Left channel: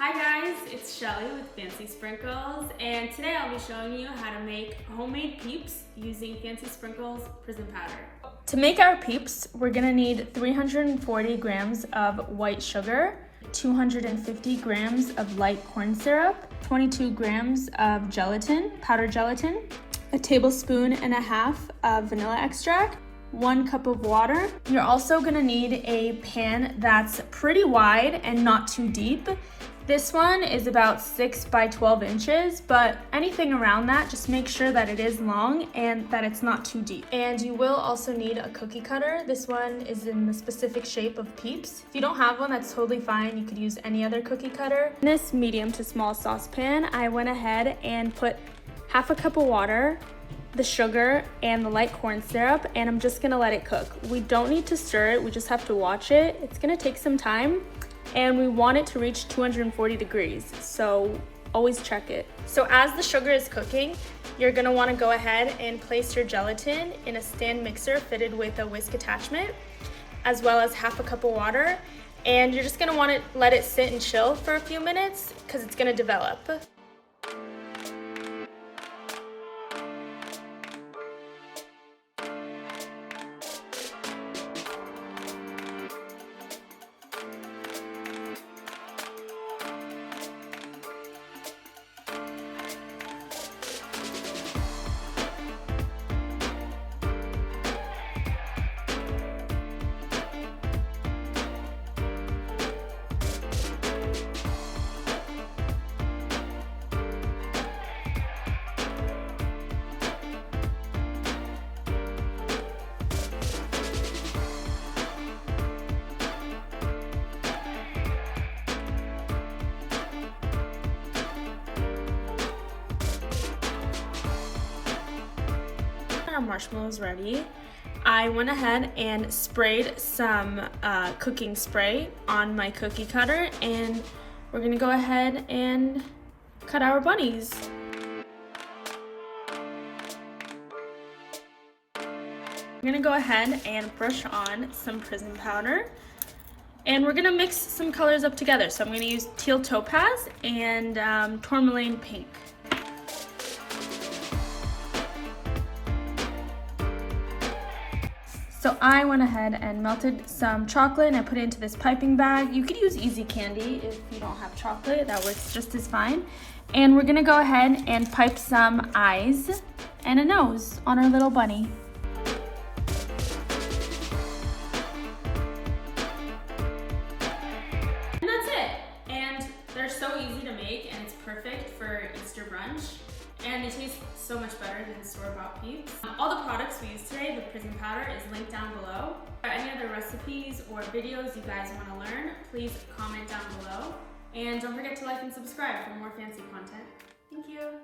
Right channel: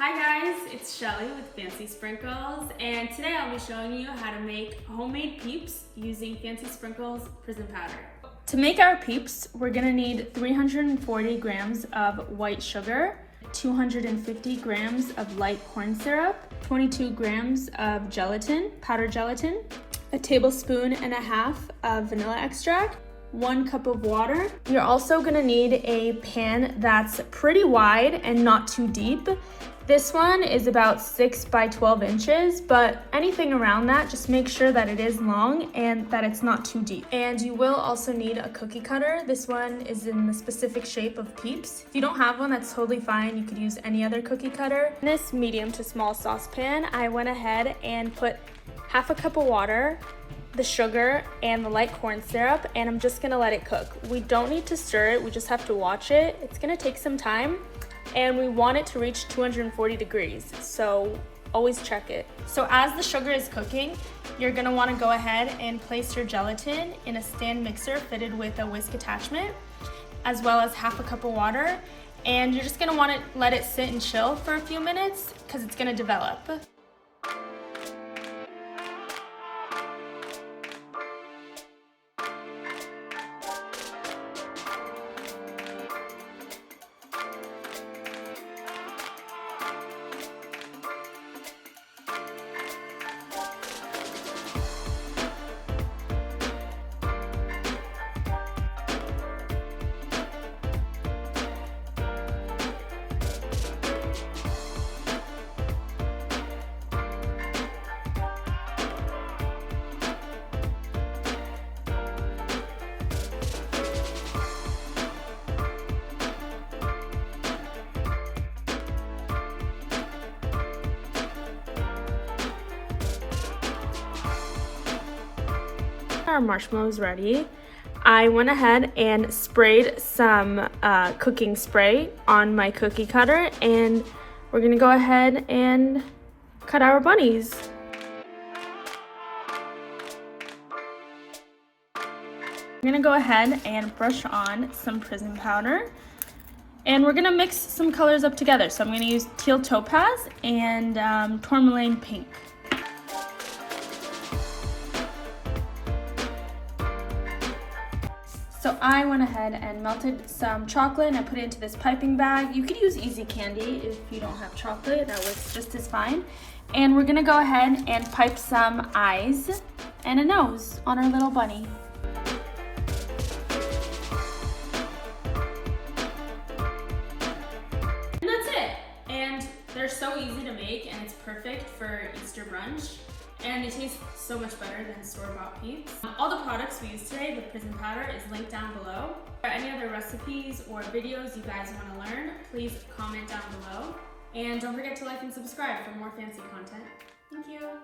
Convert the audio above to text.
Hi guys, it's Shelly with Fancy Sprinkles, and today I'll be showing you how to make homemade PEEPS using Fancy Sprinkles prison powder. To make our PEEPS, we're gonna need 340 grams of white sugar, 250 grams of light corn syrup, 22 grams of gelatin, powdered gelatin, a tablespoon and a half of vanilla extract, 1 cup of water. You're also gonna need a pan that's pretty wide and not too deep. This one is about 6 by 12 inches, but anything around that, just make sure that it is long and that it's not too deep. And you will also need a cookie cutter. This one is in the specific shape of PEEPS. If you don't have one, that's totally fine. You could use any other cookie cutter. In this medium to small saucepan, I went ahead and put half a cup of water, the sugar, and the light corn syrup, and I'm just gonna let it cook. We don't need to stir it, we just have to watch it. It's gonna take some time, and we want it to reach 240 degrees, so always check it. So as the sugar is cooking, you're gonna wanna go ahead and place your gelatin in a stand mixer fitted with a whisk attachment, as well as half a cup of water, and you're just gonna wanna let it sit and chill for a few minutes because it's gonna develop. Our marshmallows ready. I went ahead and sprayed some cooking spray on my cookie cutter, and we're gonna go ahead and cut our bunnies. I'm gonna go ahead and brush on some prison powder, and we're gonna mix some colors up together. So I'm gonna use teal topaz and tourmaline pink. So I went ahead and melted some chocolate and I put it into this piping bag. You could use easy candy if you don't have chocolate, that works just as fine. And we're gonna go ahead and pipe some eyes and a nose on our little bunny. And that's it. And they're so easy to make, and it's perfect for Easter brunch. And they taste so much better than store-bought PEEPS. All the products we used today with prison powder is linked down below. For any other recipes or videos you guys want to learn, please comment down below. And don't forget to like and subscribe for more fancy content. Thank you.